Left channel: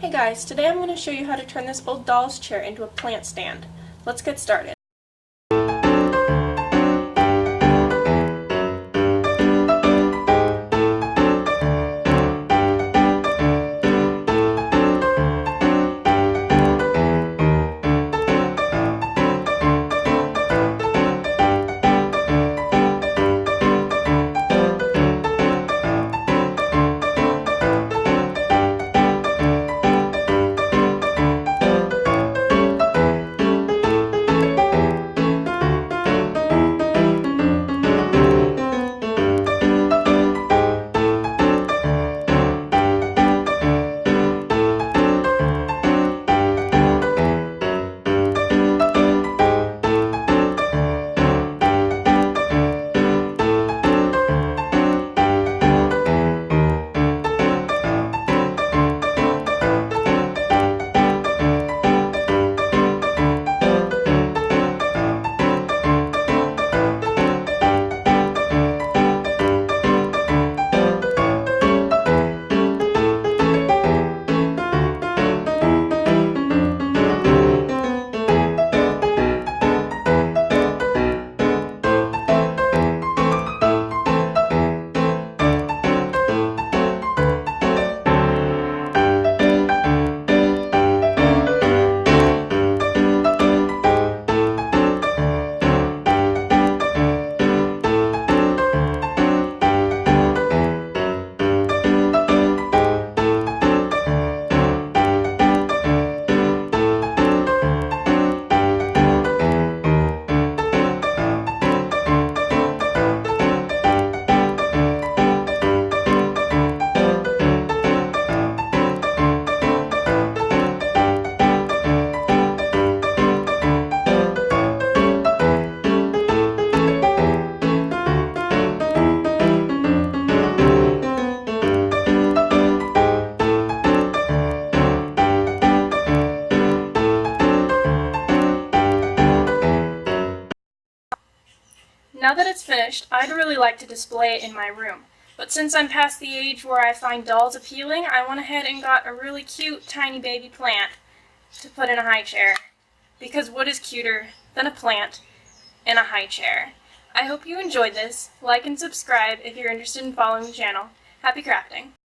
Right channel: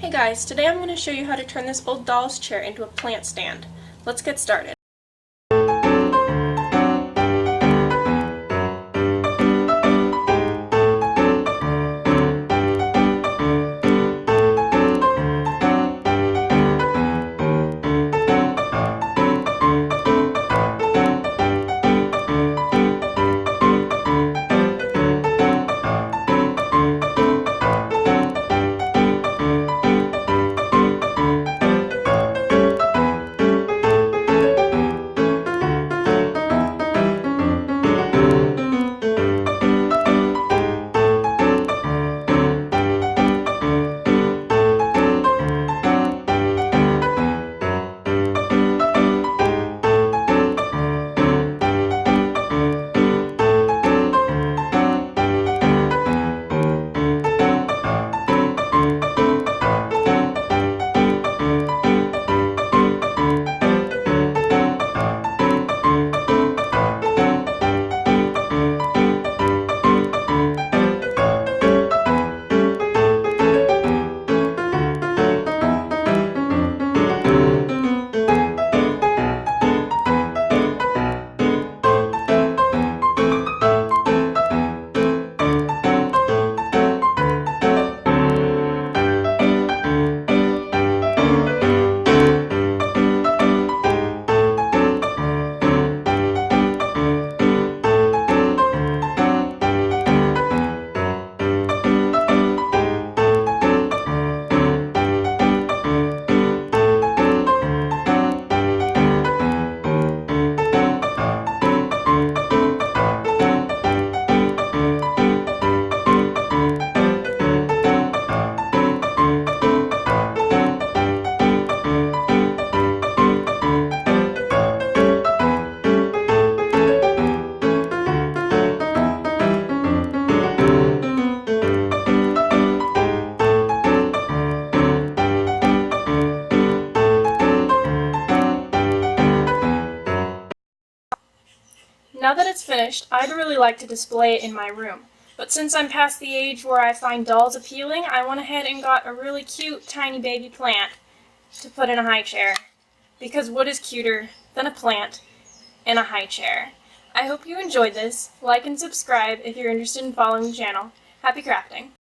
Hey guys, today I'm going to show you how to turn this old doll's chair into a plant stand. Let's get started. Now that it's finished, I'd really like to display it in my room, but since I'm past the age where I find dolls appealing, I went ahead and got a really cute tiny baby plant to put in a high chair, because what is cuter than a plant in a high chair? I hope you enjoyed this. Like and subscribe if you're interested in following the channel. Happy crafting!